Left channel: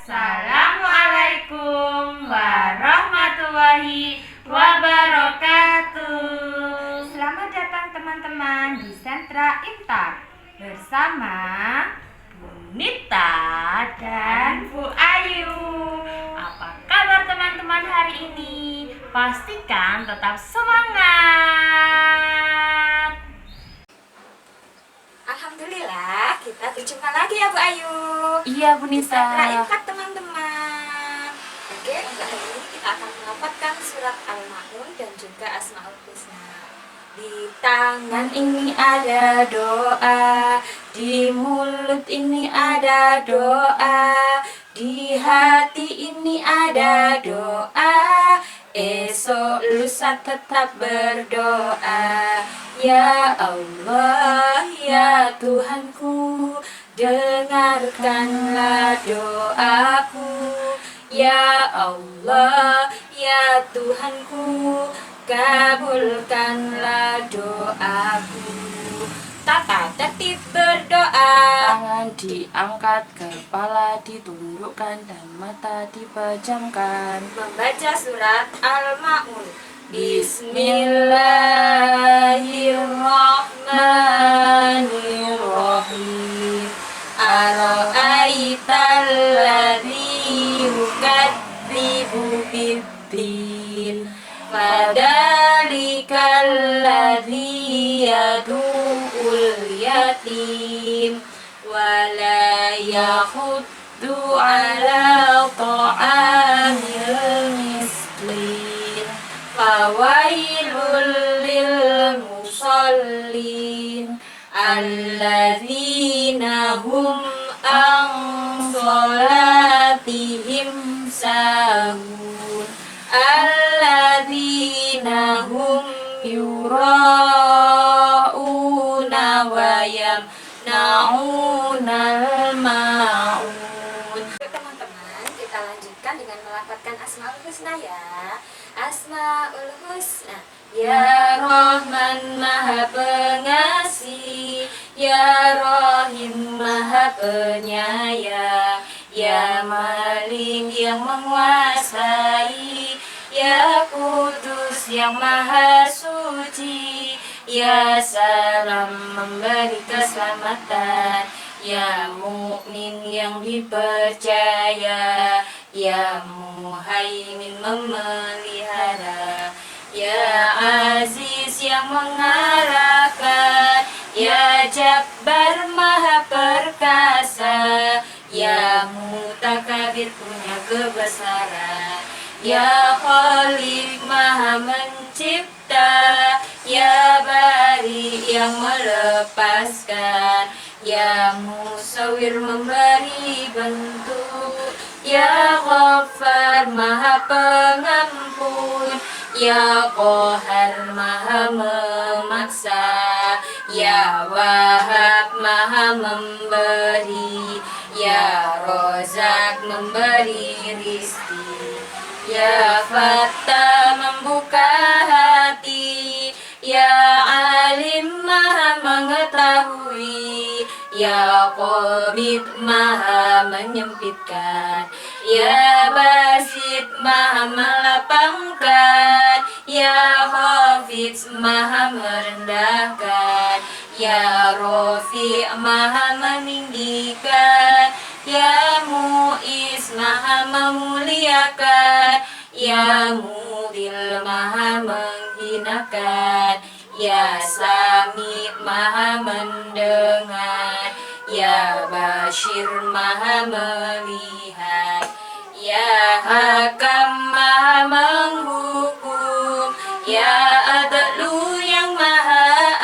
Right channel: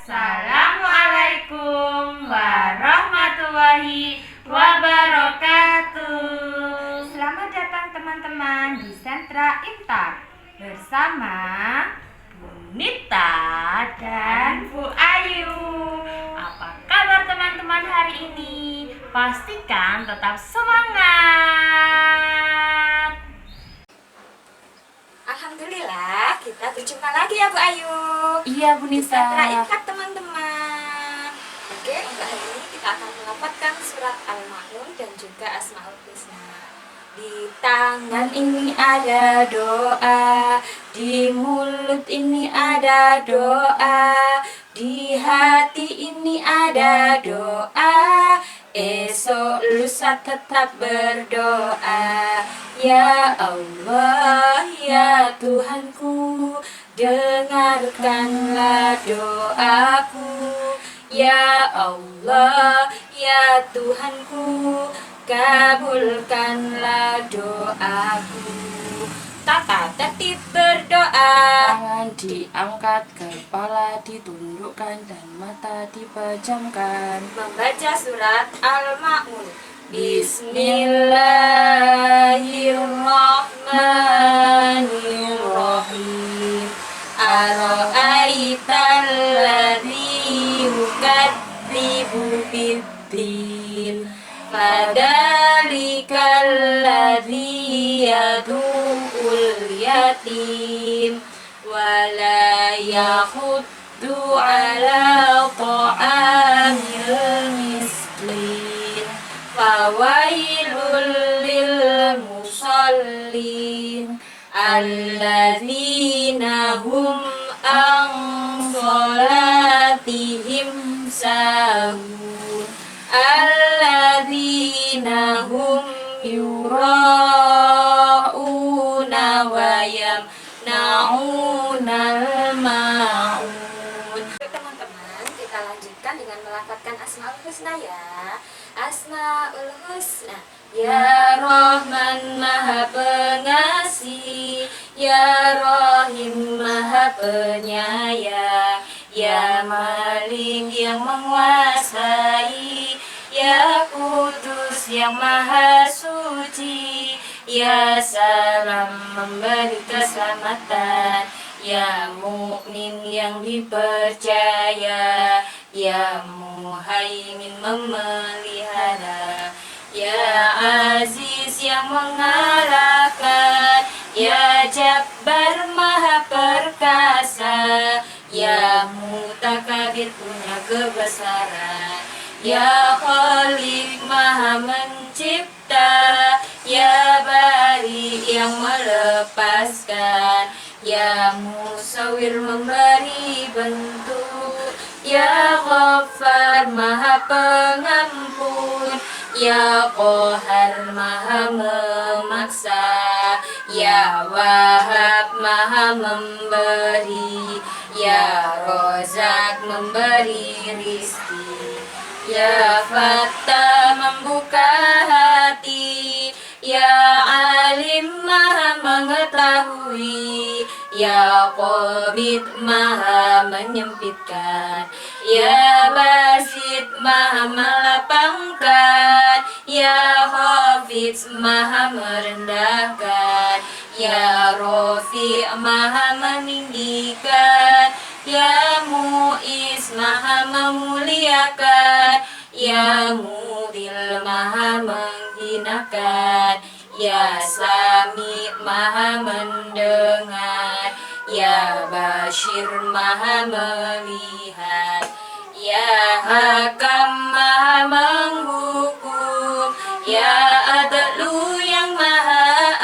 Assalamualaikum warahmatullahi wabarakatuh. Selamat datang teman-teman di Sentra Intar bersama Bu Nita dan Bu Ayu. Apa kabar teman-teman hari ini? Pastikan tetap semangat. Alhamdulillah kita berjumpa lagi ya Bu Ayu. Iya Bu Di Sentra Nita. Intar teman-teman. Oke, untuk hari ini kita akan mendapatkan surat Al-Ma'un dan juga Asmaul Husna. Di tangan ini ada doa, di mulut ini ada doa, di hati ini ada doa. Esok lusa tetap berdoa. Ya Allah, ya Tuhanku, dengarkanlah doaku. Ya Allah, ya Tuhanku, kabulkanlah doaku. Tata tertib berdoa. Tangan diangkat, kepala ditundukkan dan mata dipejamkan. Membaca surat Al-Ma'un. Bismillahirrahmanirrahim. Ara'aital ladzi yukadzibu biddin, fadzalikal ladzi yad'ul yatim wala yahuddu ala ta'amil miskin. Fawailul lil musallin alladzina hum an sholatihim sahun alladzina hum yura'una wa yamna'unal ma'un. Teman-teman, kita lanjutkan dengan melafalkan Asmaul Husna ya. Asmaul Husna. Ya Rahman Maha Pengasih, Ya Rahim Maha Penyayang, Ya Malik yang menguasai, Ya Kudus yang Maha Suci, Ya Salam memberi keselamatan, Ya Mukmin yang dipercaya, Ya Muhaimin memelihara, Ya Aziz yang mengarahkan, Ya Jabbar Maha Perkasa, Ya Mutakabbir punya kebesaran, Ya Khaliq Maha Mencipta, Ya Bari yang melepaskan, Ya Musawwir memberi bentuk, Ya Ghaffar Maha Pengampun, Ya Qahar Maha memaksa, Ya Wahab Maha memberi, Ya Rozak memberi rizki, Ya Fattah membuka hati, Ya Alim Maha mengetahui, Ya Qabid Maha menyempitkan, Ya Basit Maha melapangkan, Ya Hafiz Maha merendahkan, Ya Rafi Maha meninggikan, Ya Mu'is Maha memuliakan, Ya Mudil Maha menghinakan, Ya Sami Maha mendengar, Ya Bashir Maha melihat, Ya Hakam Maha menghukum, Ya Adlu yang Maha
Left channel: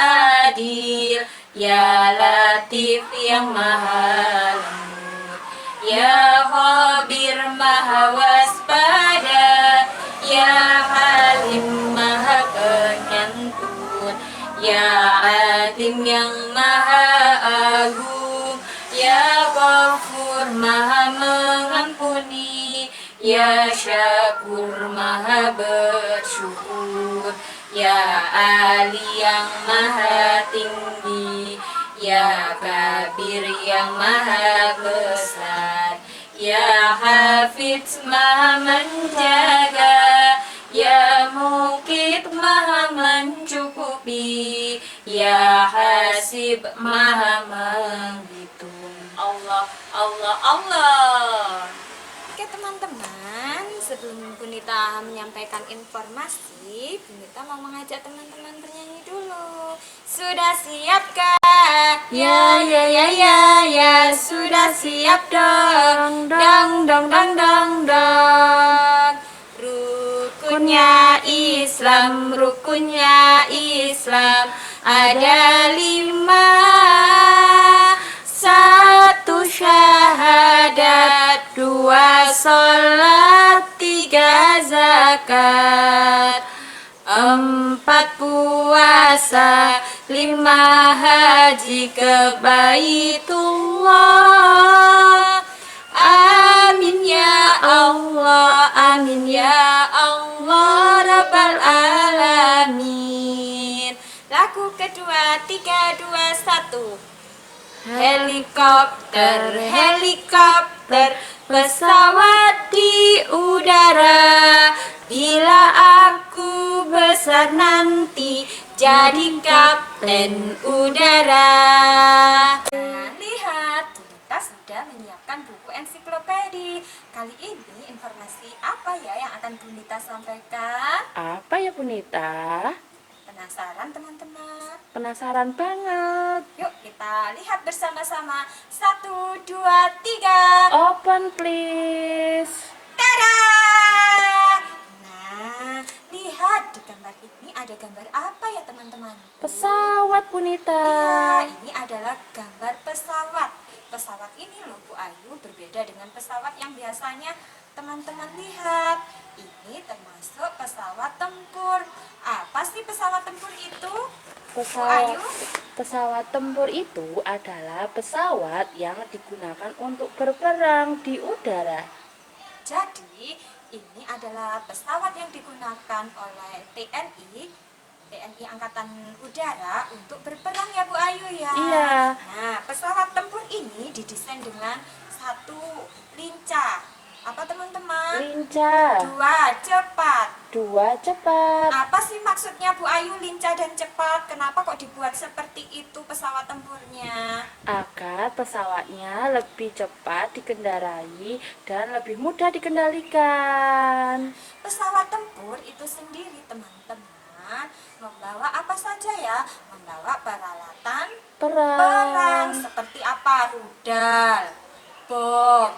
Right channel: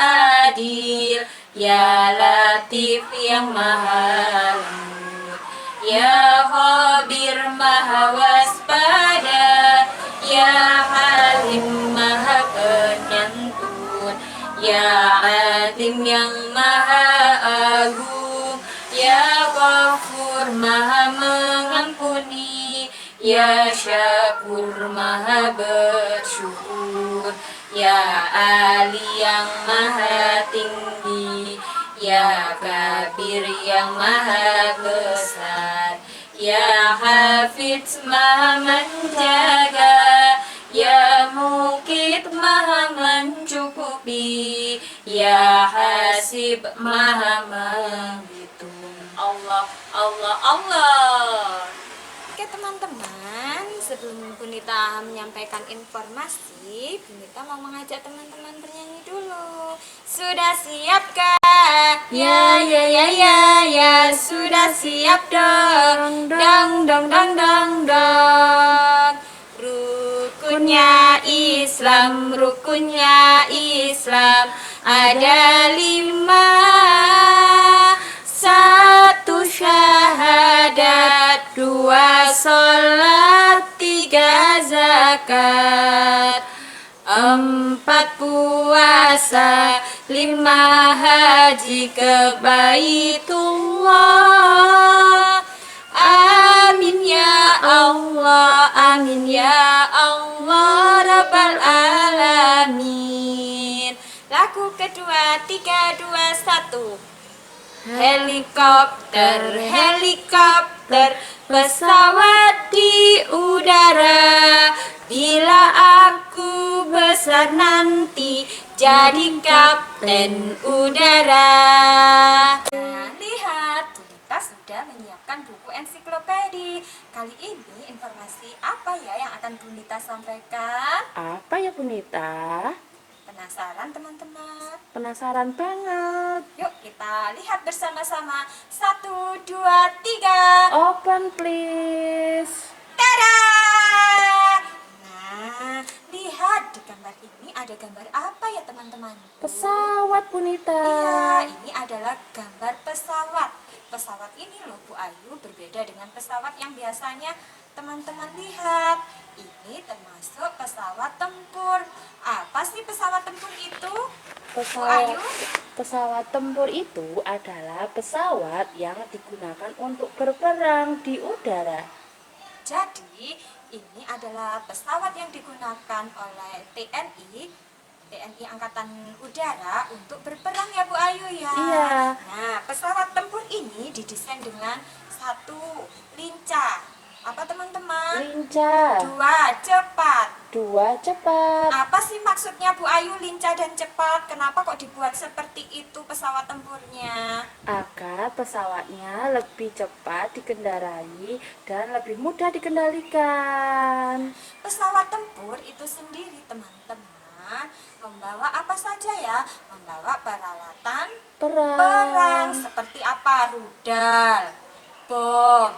adil, Ya Latif yang Maha lembut, Ya Khabir Maha waspada, Ya Halim Maha penyantun, Ya Alim yang Maha agung, Ya Ghafur Maha mengampuni, Ya Syakur Maha bersyukur, Ya Ali yang Maha tinggi, Ya Kabir yang Maha besar, Ya Hafidz maha menjaga, Ya Mukit maha mencukupi, Ya Hasib maha menghitung. Allah, Allah, Allah. Oke teman-teman, sebelum Bunita menyampaikan informasi, Bunita mau mengajak teman-teman bernyanyi dulu. Sudah siapkah? Ya, ya, ya, ya, ya, sudah siap dong. Dong, dong, dong, dong, dong. Rukunnya Islam, rukunnya Islam ada 5. 1 syahadat, 2 sholat, 3 zakat, 4 puasa, 5 haji ke Baitullah. Amin ya Allah, amin ya Allah, Rabbal alamin. Lagu kedua, 3, 2, 1. Helikopter, helikopter, pesawat di udara. Bila aku besar nanti jadi kapten udara. Lihat, kita sudah menyiapkan buku ensiklopedi. Kali ini informasi apa ya yang akan Bunita sampaikan? Apa ya Bunita? Penasaran teman-teman? Penasaran banget. Yuk kita lihat bersama-sama. 1, 2, 3. Open please. Tada! Nah, lihat di gambar ini ada gambar apa ya teman-teman? Pesawat Bunita. Iya, ini adalah gambar pesawat. Pesawat ini loh Bu Ayu berbeda dengan pesawat yang biasanya teman-teman lihat. Ini termasuk pesawat tempur. Apa sih pesawat tempur itu? Bu Ayu? Pesawat tempur itu adalah pesawat yang digunakan untuk berperang di udara. Jadi, ini adalah pesawat yang digunakan oleh TNI Angkatan Udara untuk berperang ya Bu Ayu ya. Iya. Nah, pesawat tempur ini didesain dengan 1 lincah. Apa teman-teman? Lincah. 2 cepat. 2 cepat. Apa sih maksudnya Bu Ayu lincah dan cepat? Kenapa kok dibuat seperti itu pesawat tempurnya? Agar pesawatnya lebih cepat dikendarai dan lebih mudah dikendalikan. Pesawat tempur itu sendiri teman-teman membawa apa saja ya? Membawa peralatan perang seperti apa? Rudal, bom,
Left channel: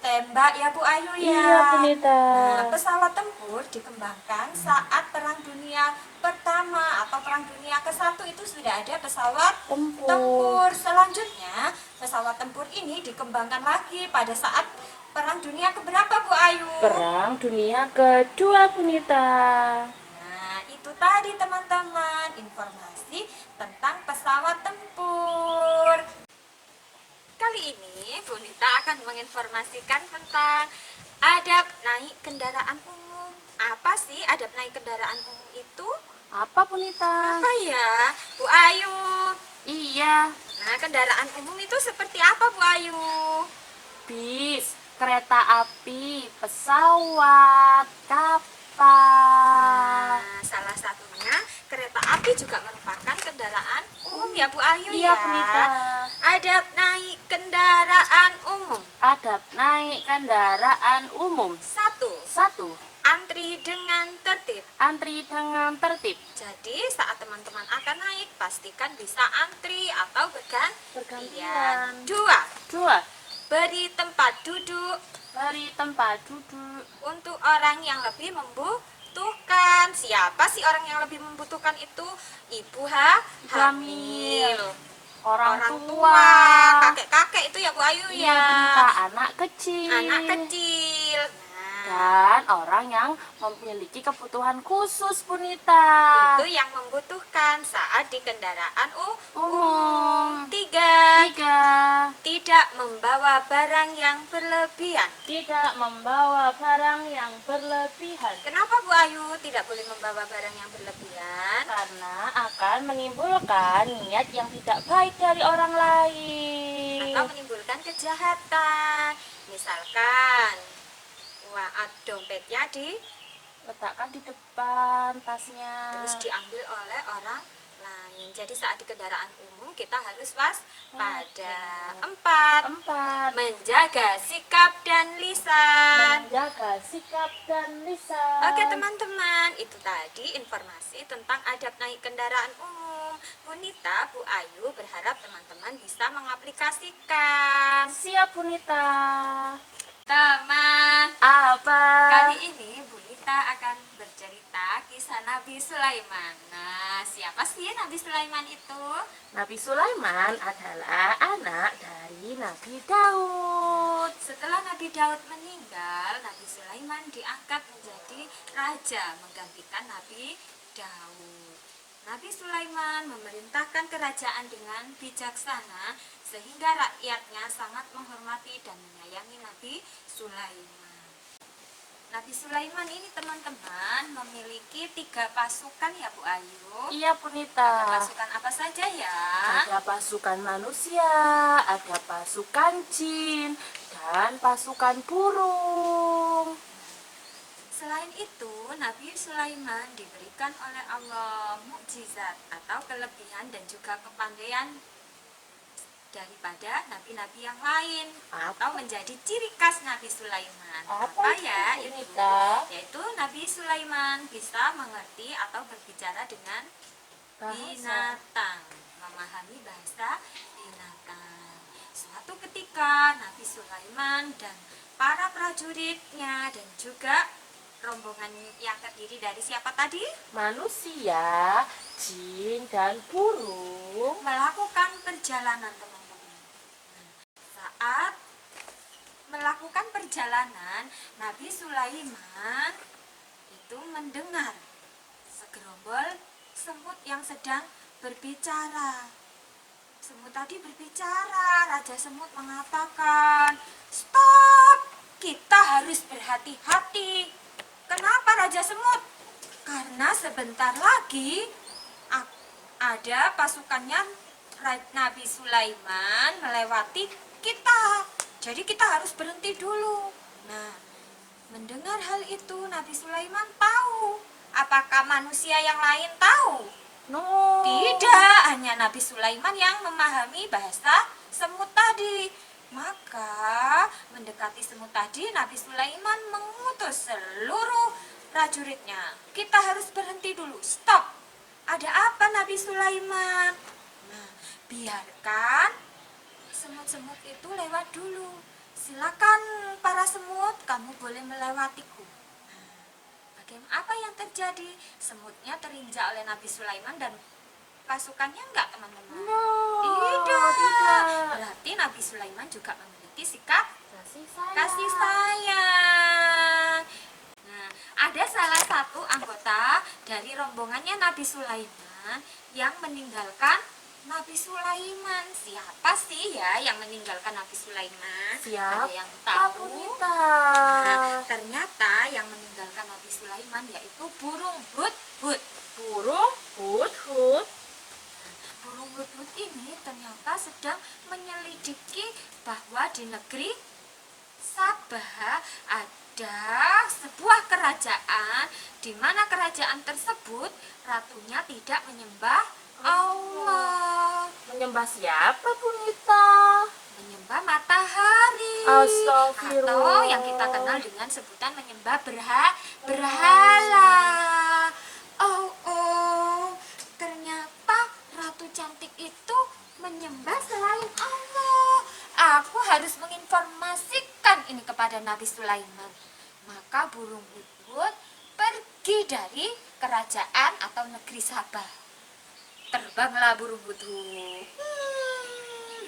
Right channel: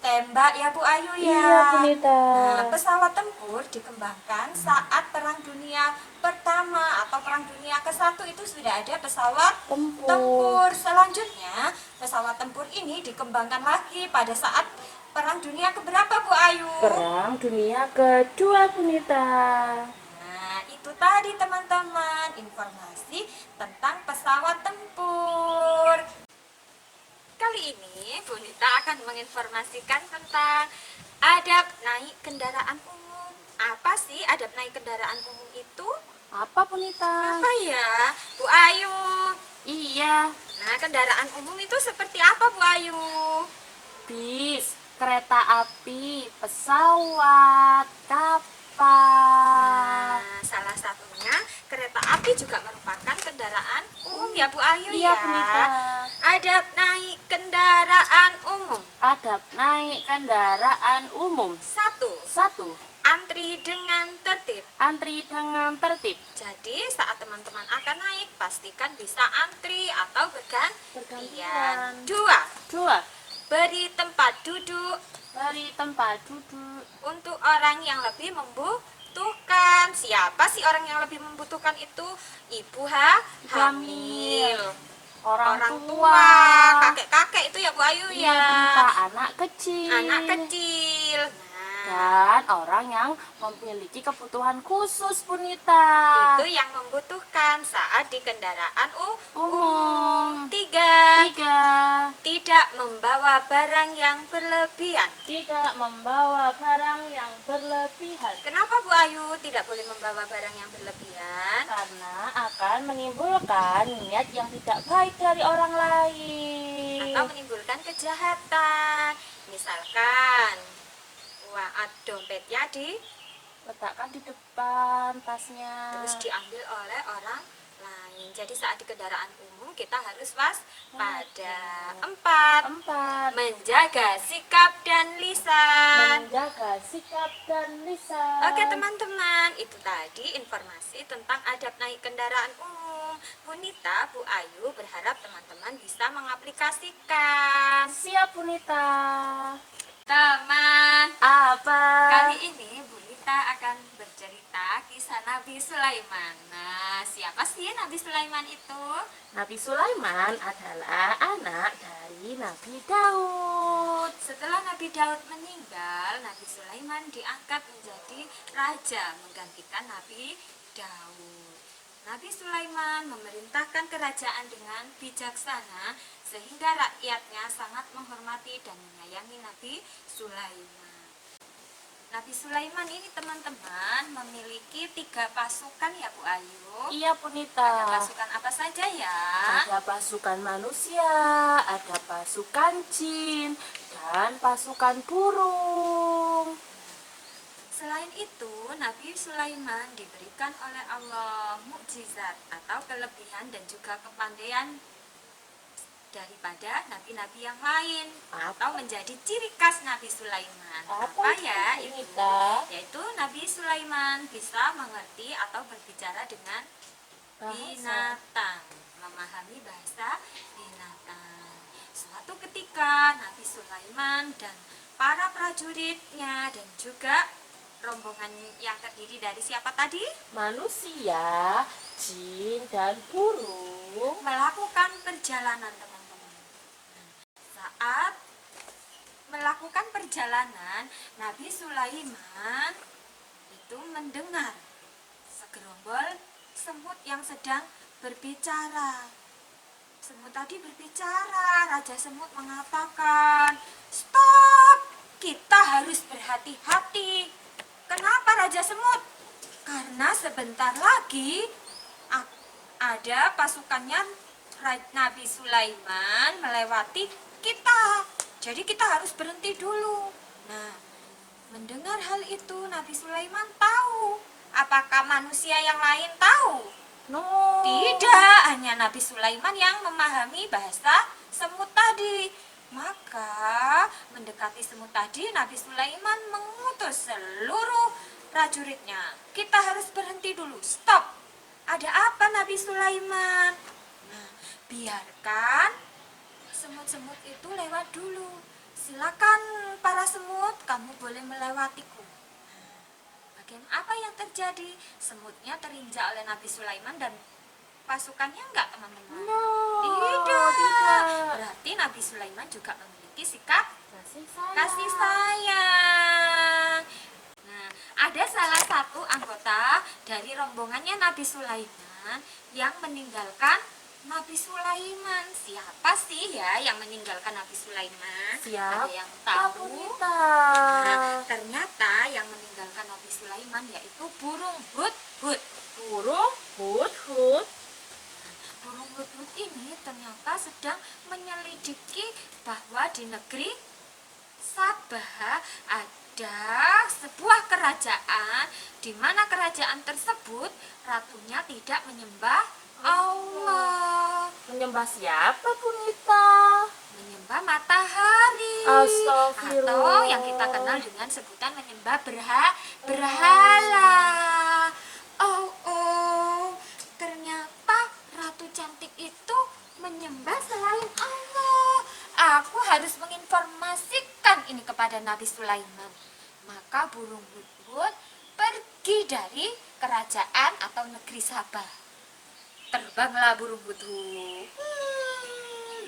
tembak ya Bu Ayu ya. Iya Bunita. Nah, pesawat tempur dikembangkan saat Perang Dunia Pertama atau Perang Dunia ke-1 itu sudah ada pesawat tempur. Selanjutnya, pesawat tempur ini dikembangkan lagi pada saat Perang Dunia keberapa Bu Ayu? Perang Dunia Kedua Bunita. Nah, itu tadi teman-teman informasi tentang pesawat tempur. Kali ini Bunita akan menginformasikan tentang adab naik kendaraan umum. Apa sih adab naik kendaraan umum itu? Apa Bunita? Apa ya, Bu Ayu? Iya, Nah, kendaraan umum itu seperti apa Bu Ayu? bis, kereta api, pesawat, kapal. Nah, salah satunya kereta api juga merupakan kendaraan umum ya Bu Ayu Iya ya. Bunita. Adab naik kendaraan umum. Adab naik kendaraan umum. 1. 1. Antri dengan tertib. Antri dengan tertib. Jadi saat teman-teman akan naik, pastikan bisa antri atau bergantian. 2. 2. Beri tempat duduk Beri tempat duduk untuk orang yang lebih membutuhkan. Siapa sih orang yang lebih membutuhkan itu? Ibu hamil, orang tua, tua, kakek-kakek itu ya Bu Ayu iya, ya. Bunita, anak kecil, Anak kecil. dan orang yang memiliki kebutuhan khusus Bunita. Itu yang membutuhkan saat di kendaraan Umum. 3. 3. Tidak membawa barang yang berlebihan. Tidak membawa barang yang berlebihan Kenapa Bu Ayu tidak boleh membawa barang yang berlebihan? karena akan menimbulkan niat yang tidak baik dari orang lain. Atau menimbulkan kejahatan. Misalkan, dompetnya Letakkan di depan tasnya. terus diambil oleh orang lain. Jadi saat di kendaraan umum kita harus waspada. 4. 4. Menjaga sikap dan lisan. Menjaga sikap dan lisan. Oke teman-teman, itu tadi informasi tentang adab naik kendaraan umum. Bu Nita, Bu Ayu berharap teman-teman bisa mengaplikasikan. Siap, Punita. Teman, Apa? kali ini Bu Nita akan bercerita kisah Nabi Sulaiman. Nah, siapa sih Nabi Sulaiman itu? Nabi Sulaiman adalah anak dari Nabi Daud. Setelah Nabi Daud meninggal, Nabi Sulaiman diangkat menjadi raja menggantikan Nabi Daud. Nabi Sulaiman memerintahkan kerajaan dengan bijaksana sehingga rakyatnya sangat menghormati dan menyayangi Nabi Sulaiman. Nabi Sulaiman ini teman-teman memiliki 3 pasukan ya Bu Ayu. Iya, Punita. Pasukan apa saja ya? Ada pasukan manusia, ada pasukan jin, dan pasukan burung. Selain itu, Nabi Sulaiman diberikan oleh Allah mukjizat atau kelebihan dan juga kepandaian daripada nabi-nabi yang lain atau menjadi ciri khas Nabi Sulaiman. Apa ya itu? Yaitu Nabi Sulaiman bisa mengerti atau berbicara dengan binatang, memahami bahasa binatang. Suatu ketika Nabi Sulaiman dan para prajuritnya dan juga rombongan yang terdiri dari siapa tadi? Manusia, jin, dan burung Melakukan perjalanan teman-teman. Saat melakukan perjalanan, Nabi Sulaiman itu mendengar segerombol semut yang sedang berbicara. Semut tadi berbicara, Raja Semut mengatakan, "Stop, kita harus berhati-hati." Kenapa Raja Semut? Karena sebentar lagi ada pasukannya Nabi Sulaiman melewati kita. Jadi kita harus berhenti dulu. Nah, mendengar hal itu Nabi Sulaiman tahu. Apakah manusia yang lain tahu? No. Tidak, hanya Nabi Sulaiman yang memahami bahasa semut tadi. Maka mendekati semut tadi, Nabi Sulaiman mengutus seluruh prajuritnya. Kita harus berhenti dulu, stop. Ada apa Nabi Sulaiman? Nah, biarkan semut-semut itu lewat dulu. Silakan para semut, kamu boleh melewatiku. Bagian apa yang terjadi? Semutnya terinjak oleh Nabi Sulaiman dan pasukannya enggak teman-teman? No. Tidak. Berarti Nabi Sulaiman juga memiliki sikap kasih sayang. Nah, ada salah satu anggota dari rombongannya Nabi Sulaiman yang meninggalkan Nabi Sulaiman. Siapa sih ya yang meninggalkan Nabi Sulaiman? Siapa? Ada yang tahu? Punita. Nah, ternyata yang meninggalkan Nabi Sulaiman yaitu burung hudhud. Burung hudhud. Burung hudhud ini ternyata sedang menyelidiki bahwa di negeri Sabah ada sebuah kerajaan di mana kerajaan tersebut ratunya tidak menyembah Allah. Menyembah siapa, Punita? Menyembah matahari. Astagfirullah. Atau yang kita kenal dengan sebutan menyembah berhala. Oh, ternyata ratu cantik itu menyembah selain Allah. Aku harus menginformasikan ini kepada Nabi Sulaiman. Maka burung hudhud pergi dari kerajaan atau negeri Sabah. Terbanglah burung hudhud.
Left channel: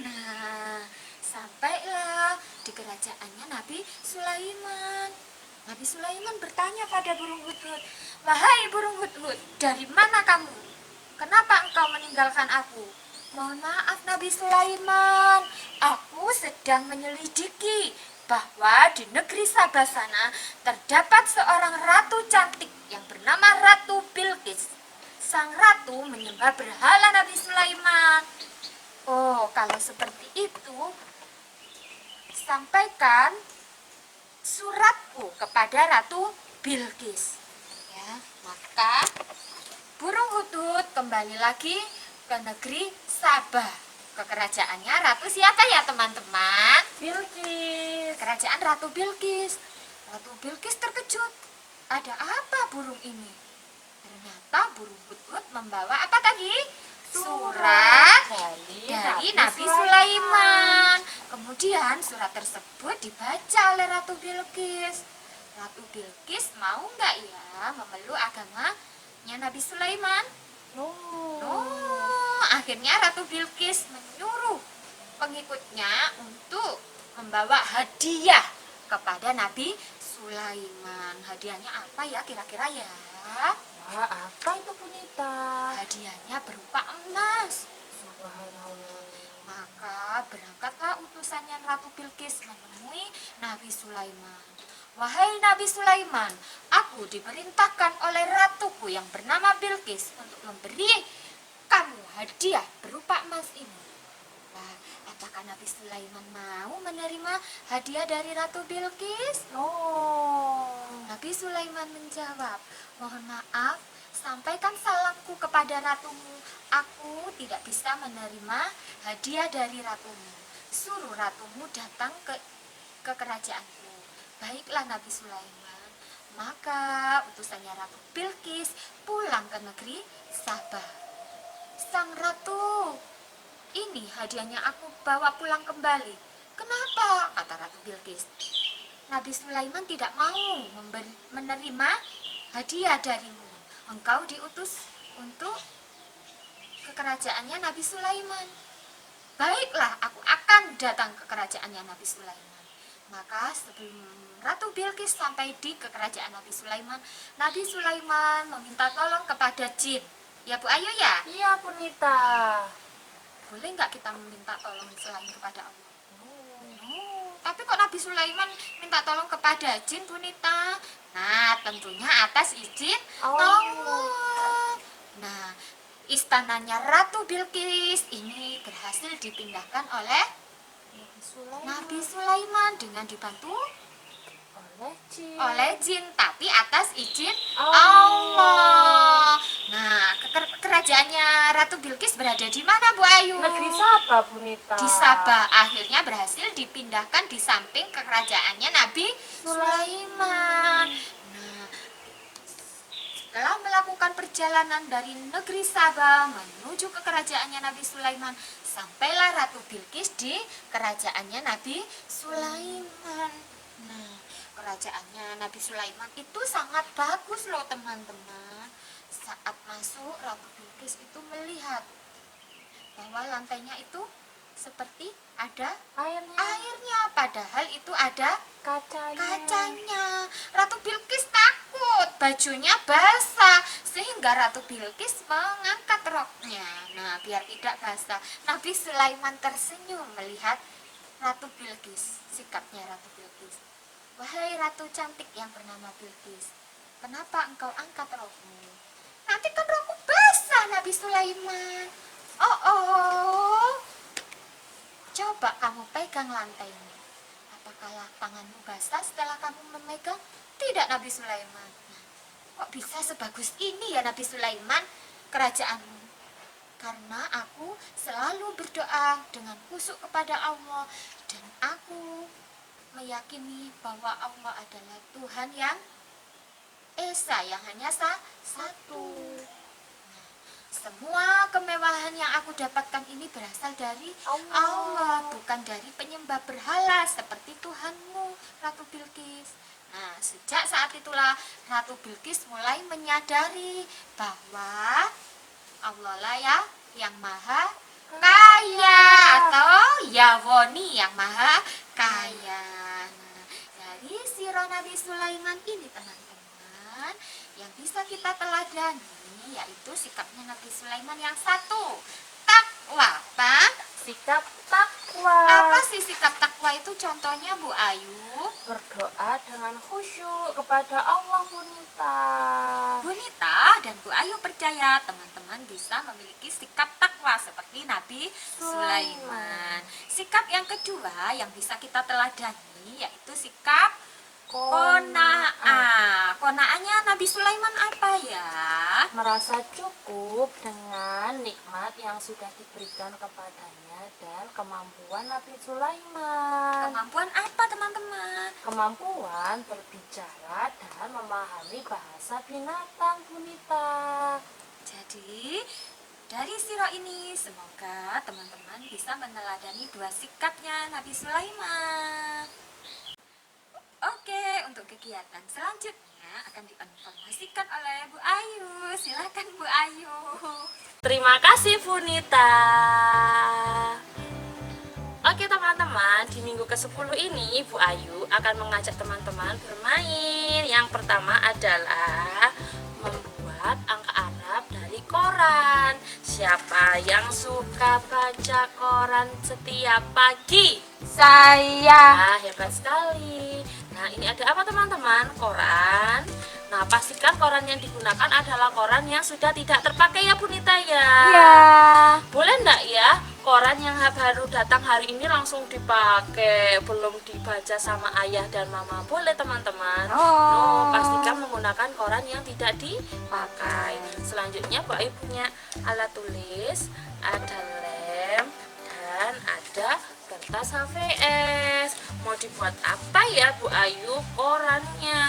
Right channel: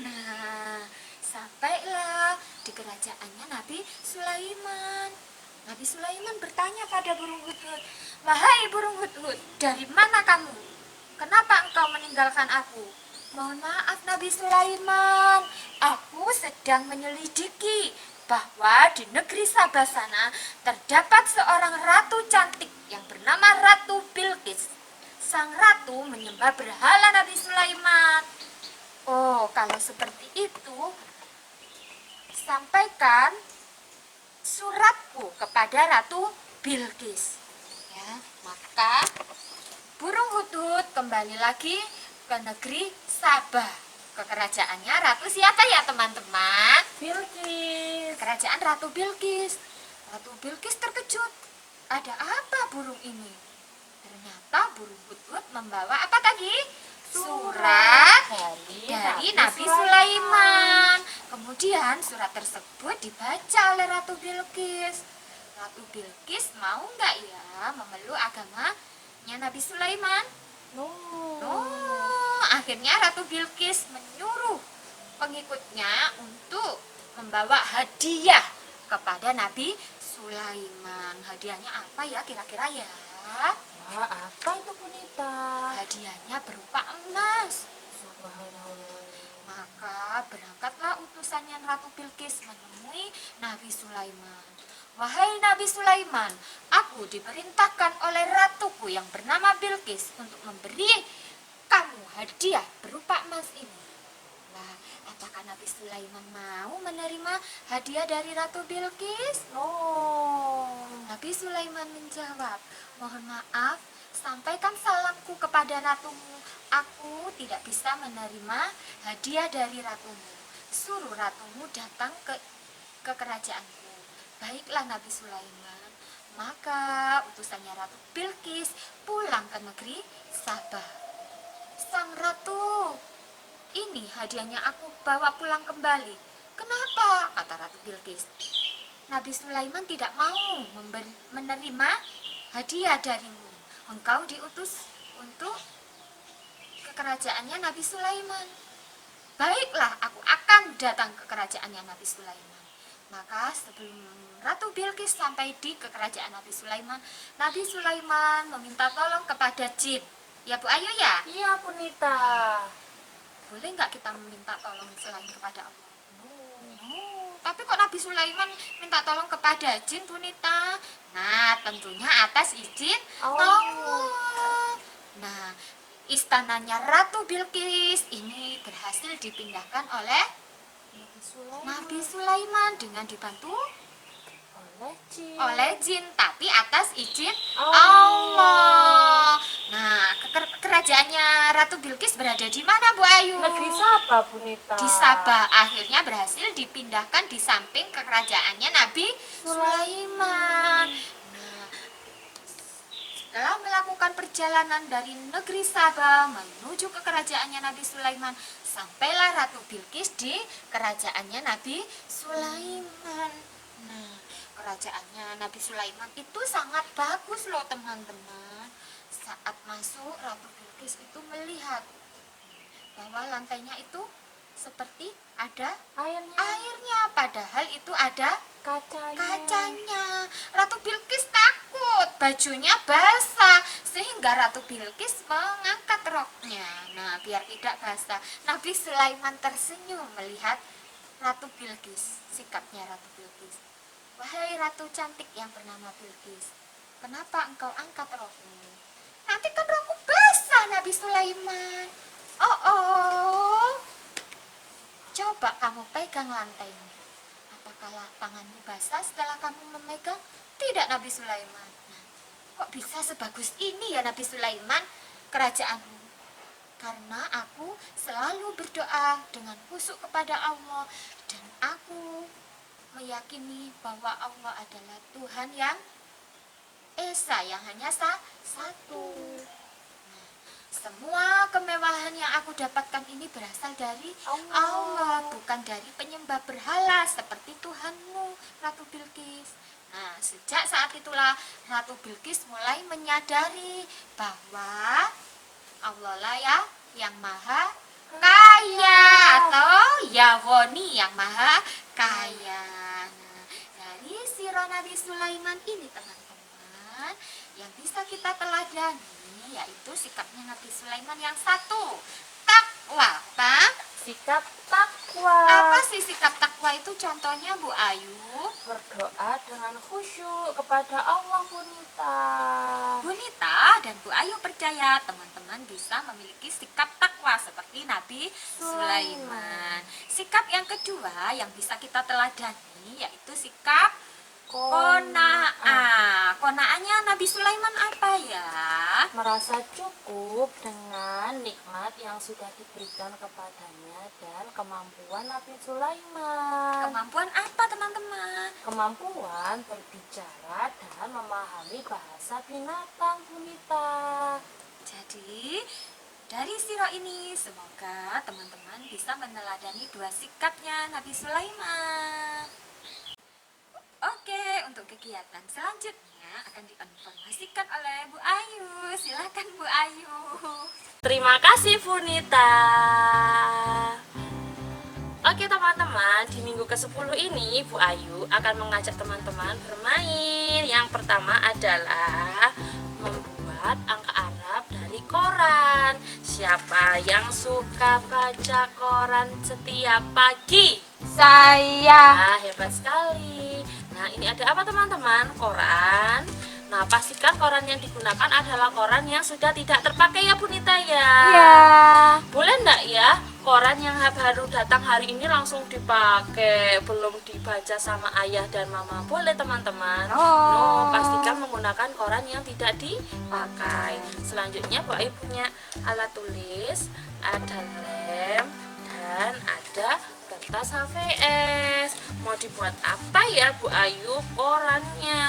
Nah, sampailah di kerajaannya Nabi Sulaiman. Nabi Sulaiman bertanya pada burung hudhud, "Wahai burung hudhud, dari mana kamu? Kenapa engkau meninggalkan aku?" "Mohon maaf Nabi Sulaiman, aku sedang menyelidiki bahwa di negeri Sabah sana terdapat seorang ratu cantik yang bernama Ratu Bilqis. Sang ratu menyembah berhala Nabi Sulaiman." "Oh, kalau seperti itu, sampaikan suratku kepada Ratu Bilqis. Ya, maka burung hudhud kembali lagi ke negeri Sabah, ke kerajaannya Ratu siapa ya teman-teman? Bilqis. Kerajaan Ratu Bilqis. Ratu Bilqis terkejut. Ada apa burung ini? Ternyata burung hudhud membawa apa tadi? Surat dari Nabi Sulaiman. Kemudian surat tersebut dibaca oleh Ratu Bilqis. Ratu Bilqis mau nggak ya memeluk agamanya Nabi Sulaiman? Akhirnya Ratu Bilqis menyuruh pengikutnya untuk membawa hadiah kepada Nabi Sulaiman. Hadiahnya apa ya kira-kira ya? Wah, apa itu Bunita? Hadiahnya berupa emas. Subhanallah. Maka berangkatlah utusannya Ratu Bilqis menemui Nabi Sulaiman. Wahai Nabi Sulaiman, aku diperintahkan oleh ratuku yang bernama Bilqis untuk memberi kamu hadiah berupa emas ini. Nah, apakah Nabi Sulaiman mau menerima hadiah dari Ratu Bilqis? Nabi Sulaiman menjawab, mohon maaf, sampaikan salamku kepada ratumu. Aku tidak bisa menerima hadiah dari ratumu. Suruh ratumu datang ke kerajaanku. Baiklah Nabi Sulaiman. Maka utusannya Ratu Bilqis pulang ke negeri Sabah. Sang ratu, ini hadiahnya aku bawa pulang kembali. Kenapa? Kata Ratu Bilqis. Nabi Sulaiman tidak mau menerima hadiah darimu. Engkau diutus untuk ke kerajaannya Nabi Sulaiman. Baiklah, aku akan datang ke kerajaannya Nabi Sulaiman. Maka sebelum Ratu Bilqis sampai di kerajaan Nabi Sulaiman meminta tolong kepada jin. Ya Bu Ayu ya? Iya Bunita. Boleh nggak kita meminta tolong selain kepada Allah? Tapi kok Nabi Sulaiman minta tolong kepada jin Bunita? Nah, tentunya atas izin Allah. Nah, istananya Ratu Bilqis ini berhasil dipindahkan oleh Nabi Sulaiman dengan dibantu oleh jin, tapi atas izin Allah. Nah, kerajaannya Ratu Bilqis berada di mana Bu Ayu? Negeri Sabah Bunita. Di Sabah. Akhirnya berhasil dipindahkan di samping kerajaannya Nabi Sulaiman. Nah, setelah melakukan perjalanan dari negeri Sabah menuju ke kerajaannya Nabi Sulaiman, sampailah Ratu Bilqis di kerajaannya Nabi Sulaiman. Nah, kerajaannya Nabi Sulaiman itu sangat bagus loh teman-teman. Saat masuk, Ratu Bilqis itu melihat bahwa lantainya itu seperti ada airnya, padahal itu ada kacanya. Ratu Bilqis takut bajunya basah, sehingga Ratu Bilqis mengangkat roknya. Nah, biar tidak basah. Nabi Sulaiman tersenyum melihat Ratu Bilqis, sikapnya Ratu Bilqis. Wahai ratu cantik yang bernama Bilqis, kenapa engkau angkat rokmu? Nanti kan rokku basah, Nabi Sulaiman. Coba kamu pegang lantainya. Apakah tanganmu basah setelah kamu memegang? Tidak, Nabi Sulaiman. Kok bisa sebagus ini ya Nabi Sulaiman kerajaanmu? Karena aku selalu berdoa dengan khusyuk kepada Allah, dan aku meyakini bahwa Allah adalah Tuhan yang Esa, yang hanya satu. Semua kemewahan yang aku dapatkan ini berasal dari Allah, bukan dari penyembah berhala seperti Tuhanmu, Ratu Bilqis. Nah, sejak saat itulah Ratu Bilqis mulai menyadari bahwa Allah lah ya yang maha kaya, atau Yahwoni yang maha kaya. Nah, dari sirah Nabi Sulaiman ini teman-teman, yang bisa kita teladani yaitu sikapnya Nabi Sulaiman yang satu, takwa. Sikap takwa. takwa. Apa sih sikap takwa itu contohnya Bu Ayu? Berdoa dengan khusyuk kepada Allah Bunita. Bu Nita dan Bu Ayu percaya teman-teman bisa memiliki sikap takwa seperti Nabi Sulaiman. Sikap yang kedua yang bisa kita teladani yaitu sikap kona'ah. Kona'ahnya Nabi Sulaiman apa ya? Merasa cukup dengan nikmat yang sudah diberikan kepadanya dan kemampuan Nabi Sulaiman. Kemampuan apa teman-teman? Kemampuan berbicara dan memahami bahasa binatang Bunita. Jadi dari siro ini semoga teman-teman bisa meneladani dua sikapnya Nabi Sulaiman. Oke, untuk kegiatan selanjutnya akan diinformasikan oleh Bu Ayu. Silakan Bu Ayu. Terima kasih Bunita. Oke teman-teman, di minggu ke-10 ini Bu Ayu akan mengajak teman-teman bermain. Yang pertama adalah membuat angka Arab dari koran. Siapa yang suka baca koran setiap pagi? Saya. Nah, hebat sekali. Nah, ini ada apa teman-teman? Koran. Nah, pastikan koran yang digunakan adalah koran yang sudah tidak terpakai ya Bunita ya. Ya. Boleh enggak ya koran yang baru datang hari ini langsung dipakai, belum dibaca sama ayah dan mama? Boleh teman-teman. Oh. Pastikan menggunakan koran yang tidak dipakai. Selanjutnya Bu Ayu punya alat tulis, ada lem dan ada kertas HVS. Mau dibuat apa ya Bu Ayu korannya?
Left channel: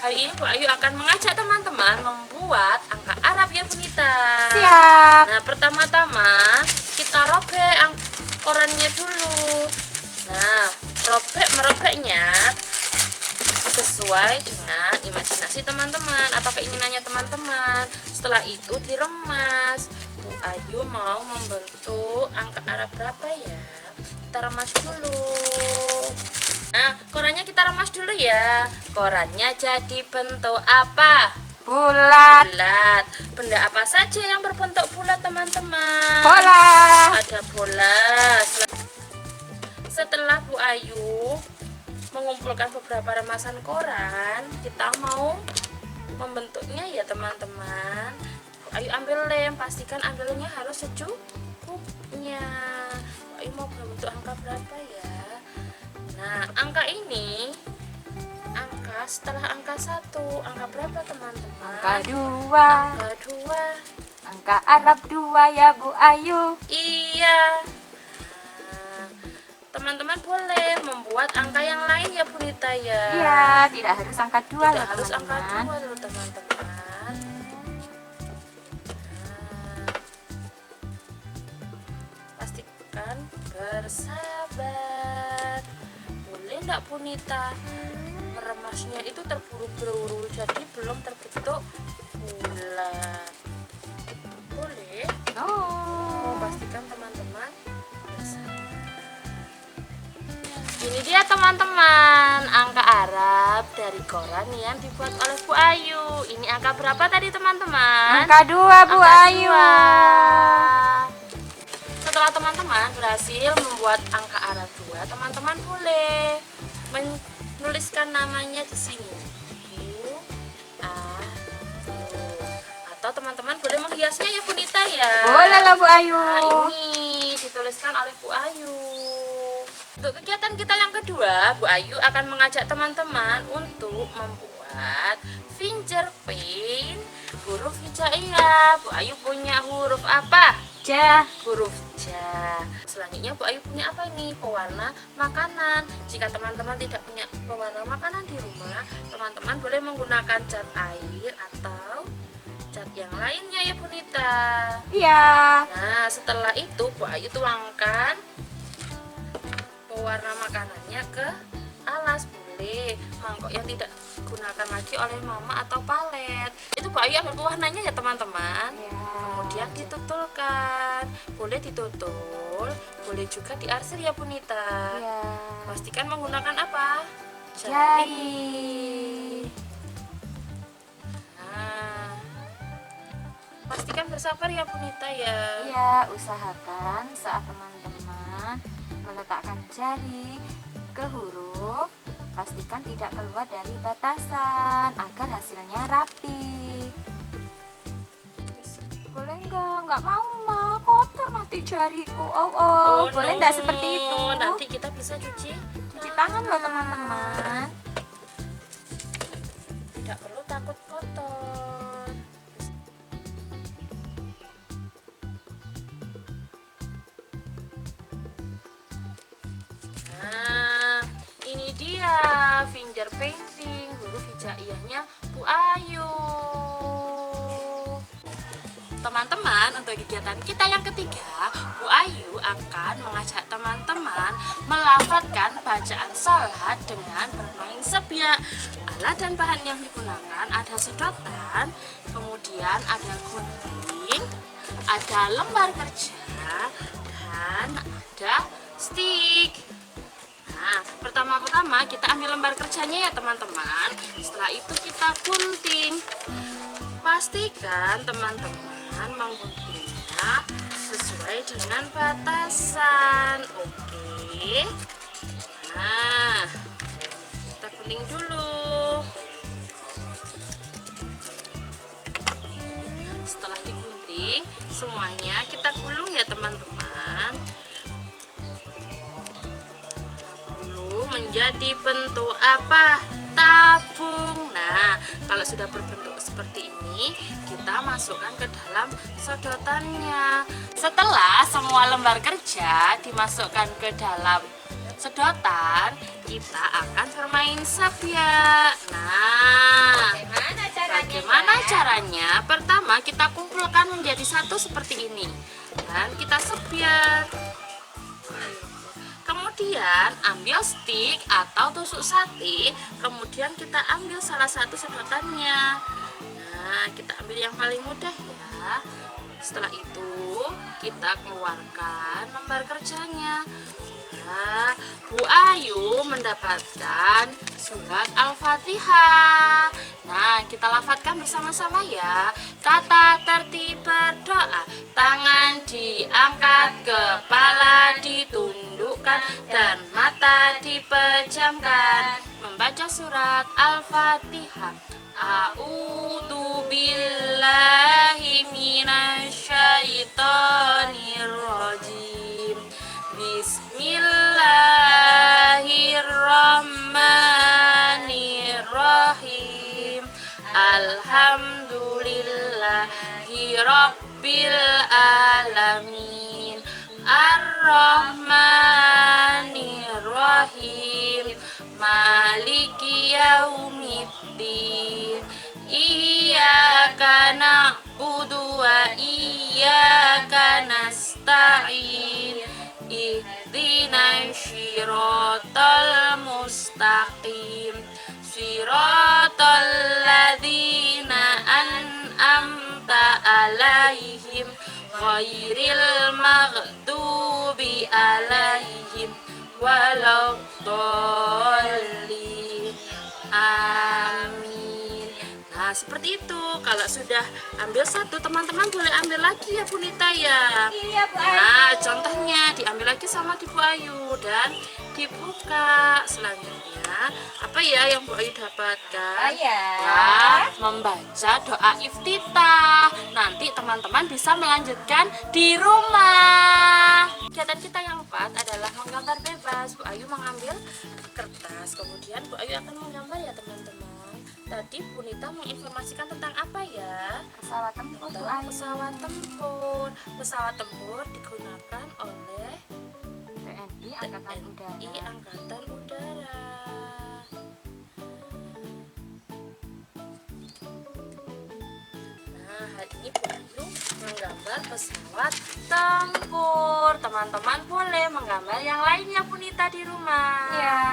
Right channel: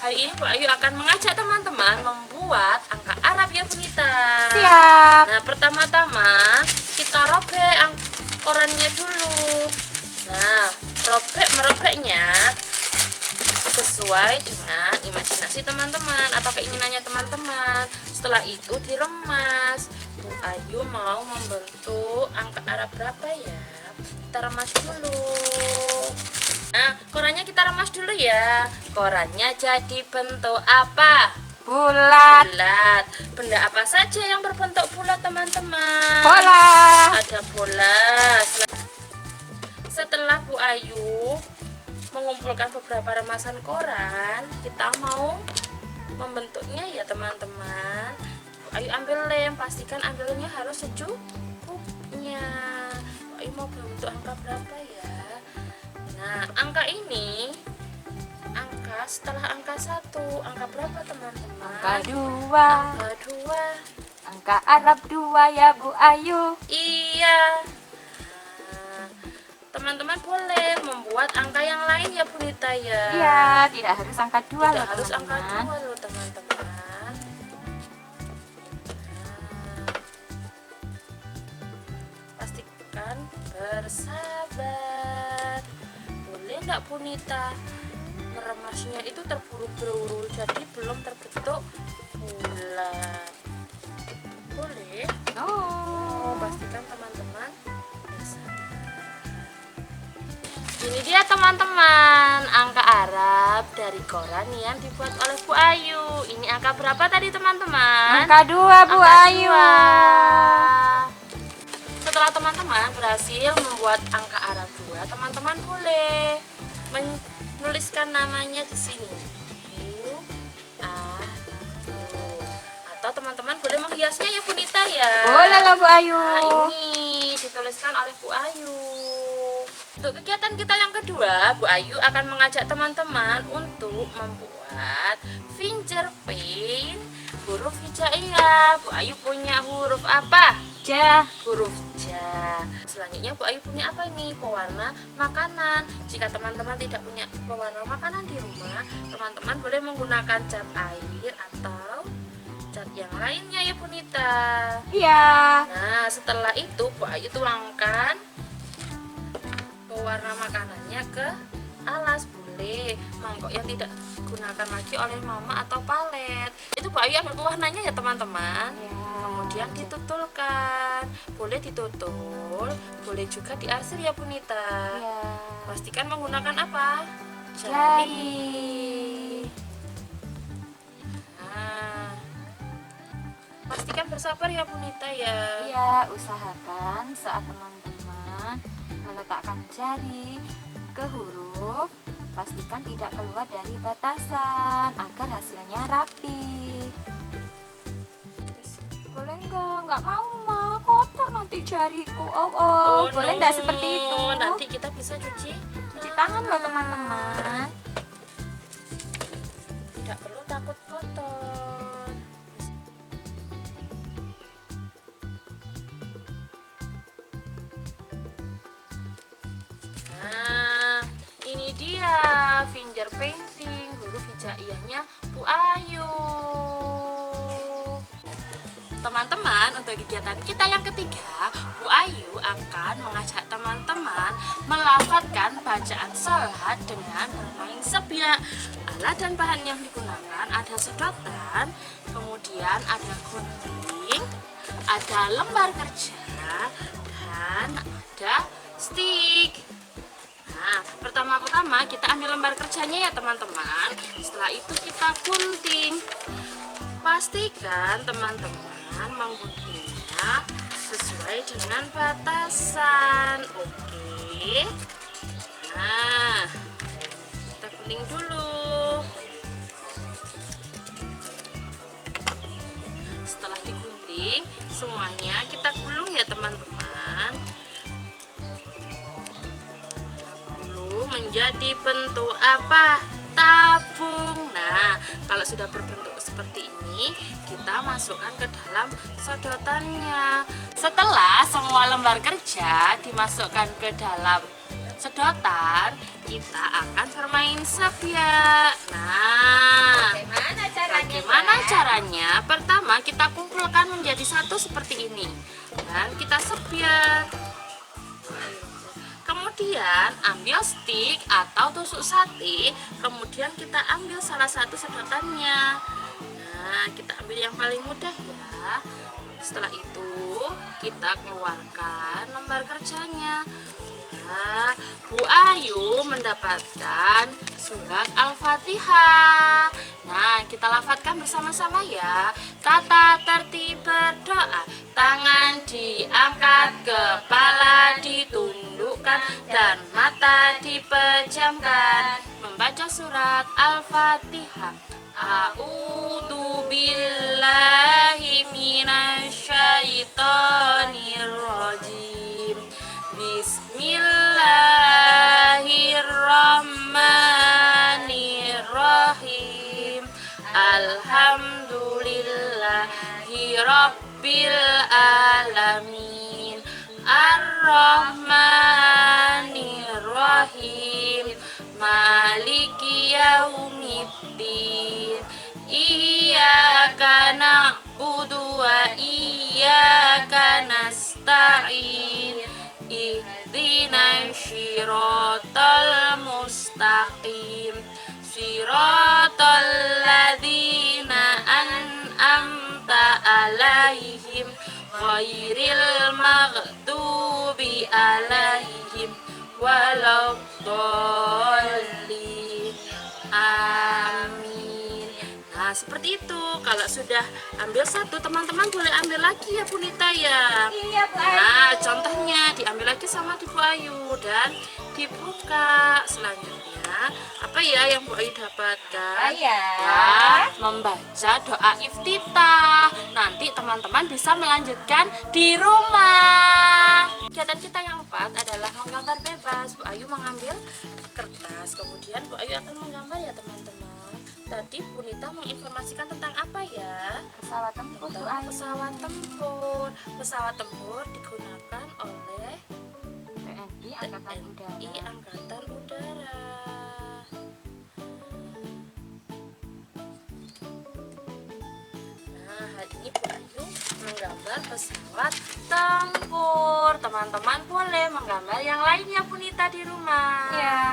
Hari ini Bu Ayu akan mengajak teman-teman membuat angka Arab ya Bunita. Siap. Nah, pertama-tama kita robek korannya dulu. Nah, merobeknya sesuai dengan imajinasi teman-teman atau keinginannya teman-teman. Setelah itu diremas. Bu Ayu mau membentuk angka Arab berapa ya? Kita remas dulu. Nah, korannya kita remas dulu ya. Korannya jadi bentuk apa? Bulat. Bulat. Benda apa saja yang berbentuk bulat teman-teman? Bola. Ada bola. Setelah Bu Ayu mengumpulkan beberapa remasan koran, kita mau membentuknya ya teman-teman. Bu Ayu ambil lem, pastikan ambilnya harus secukupnya. Bu Ayu mau bentuk angka berapa ya? Nah, angka ini setelah angka 1, angka berapa teman-teman? Angka 2. Angka 2. Angka Arab 2 ya Bu Ayu. Iya. Nah, teman-teman boleh membuat angka yang lain ya Bunita ya. Iya, tidak harus angka 2 Tidak loh harus angka teman-teman. 2 loh teman-teman. Nah, pastikan bersabar. Boleh enggak Bunita? Meremasnya itu terburu-buru jadi belum terbentuk bulat. Boleh? Oh. Pastikan teman-teman bersabar. Ini dia teman-teman angka Arab dari koran yang dibuat oleh Bu Ayu. Ini angka berapa tadi teman-teman? Angka 2 Bu Angka Ayu. 2. Setelah teman-teman berhasil membuat angka Arab 2, teman-teman boleh menuliskan namanya di sini. Bu Ayu. Atau teman-teman boleh menghiasnya ya Bunita ya. Boleh lah Bu Ayu. Nah, ini dituliskan oleh Bu Ayu. Untuk kegiatan kita yang kedua, Bu Ayu akan mengajak teman-teman untuk membuat fingerprint huruf hijaiyah. Bu Ayu punya huruf apa? Ja. Huruf ja. Selanjutnya Bu Ayu punya apa nih? Pewarna makanan. Jika teman-teman tidak punya pewarna makanan di rumah, teman-teman boleh menggunakan cat air atau cat yang lainnya ya Bunita. Iya. Nah, setelah itu Bu Ayu tuangkan pewarna makanannya ke alas. Boleh mangkok yang tidak digunakan lagi oleh mama atau palet. Itu Bu Ayu ambil pewarnanya ya teman-teman. Kemudian ditutulkan. Boleh ditutul, boleh juga diarsir ya Bunita. Iya. Pastikan menggunakan apa? Jari. Nah, pastikan bersabar ya Bunita ya. Iya, usahakan saat teman-teman jari ke huruf. Pastikan tidak keluar dari batasan agar hasilnya rapi. Boleh nggak mau mah, kotor nanti jariku. Oh, boleh nggak seperti itu? Nanti kita bisa cuci Tangan loh teman-teman. tidak perlu takut kotor. Nah, ini dia finger painting huruf hijaiyahnya Bu Ayu. Teman-teman, untuk kegiatan kita yang ketiga, Bu Ayu akan mengajak teman-teman melafalkan bacaan salat dengan bermain sebiak. Alat dan bahan yang digunakan ada sedotan, kemudian ada gunting, ada lembar kerja, dan ada stick. Nah, pertama-tama kita ambil lembar kerjanya ya teman-teman. Setelah itu kita gunting. Pastikan teman-teman mengguntingnya sesuai dengan batasan. Oke. Nah, kita gunting dulu. Setelah digunting, semuanya kita gulung ya teman-teman. Gulung menjadi bentuk apa? Tabung. Nah, kalau sudah berbentuk seperti ini, kita masukkan ke dalam sedotannya. Setelah semua lembar kerja dimasukkan ke dalam sedotan, kita akan bermain sebiak. Nah, bagaimana caranya? Pertama, kita kumpulkan menjadi satu seperti ini dan kita sebiak. Kemudian ambil stick atau tusuk sate, kemudian kita ambil salah satu sedotannya. Nah, kita ambil yang paling mudah ya. Setelah itu kita keluarkan lembar kerjanya. Nah, Bu Ayu mendapatkan surat Al-Fatihah. Nah, kita lafadzkan bersama-sama ya. Tata tertib berdoa, tangan diangkat, kepala ditundukkan, dan mata dipejamkan. Membaca surat Al-Fatihah. A'udzu billahi minasyaitonir rajim. Bismillahirrahmanirrahim. Alhamdulillahi rabbil alamin. Ar-Rahmanir-Rahim. Maliki yaumiddin. Iyyaka na'budu wa iyyaka nasta'in. Ihdinas siratal mustaqim. Siratal ladzina an'amta alaihim ghairil maghdubi alaihim waladdallin. Amin. Nah, seperti itu. Kalau sudah ambil satu, teman-teman boleh ambil lagi ya Bu Nita ya. Iya, Bu Ayu. Nah, contohnya diambil lagi sama di Bu Ayu dan dibuka. Selanjutnya, apa ya yang Bu Ayu dapatkan? Ya. Nah, membaca doa iftitah. Nanti teman-teman bisa melanjutkan di rumah. Kegiatan kita yang keempat adalah menggambar bebas. Bu Ayu mengambil kertas, kemudian Bu Ayu akan menggambar ya teman-teman. Tadi Bu Nita menginformasikan tentang apa ya? Pesawat tempur, Bu Tentang Ayu. pesawat tempur. Pesawat tempur digunakan oleh TNI Angkatan Udara. TNI Angkatan Udara. Nah, hari ini Bu Ayu menggambar pesawat tempur. Teman-teman boleh menggambar yang lainnya Bu Nita di rumah. Ya.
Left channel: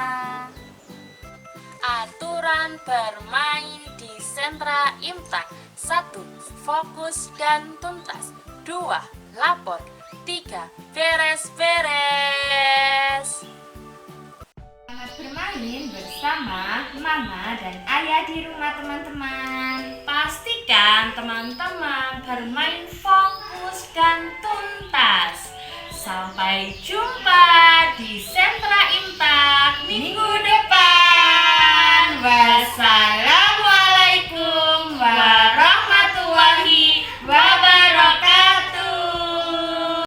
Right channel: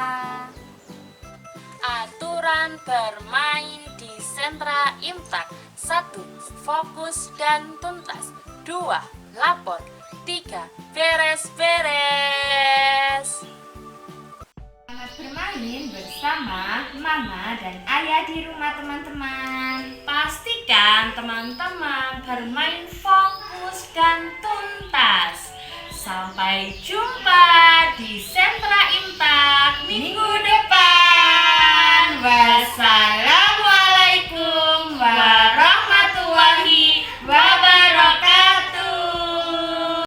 Aturan bermain di sentra Imtak. 1. Fokus dan tuntas. 2. Lapor. 3. Beres-beres. Selamat bermain bersama Mama dan Ayah di rumah teman-teman. Pastikan teman-teman bermain fokus dan tuntas. Sampai jumpa di Sentra Impact Minggu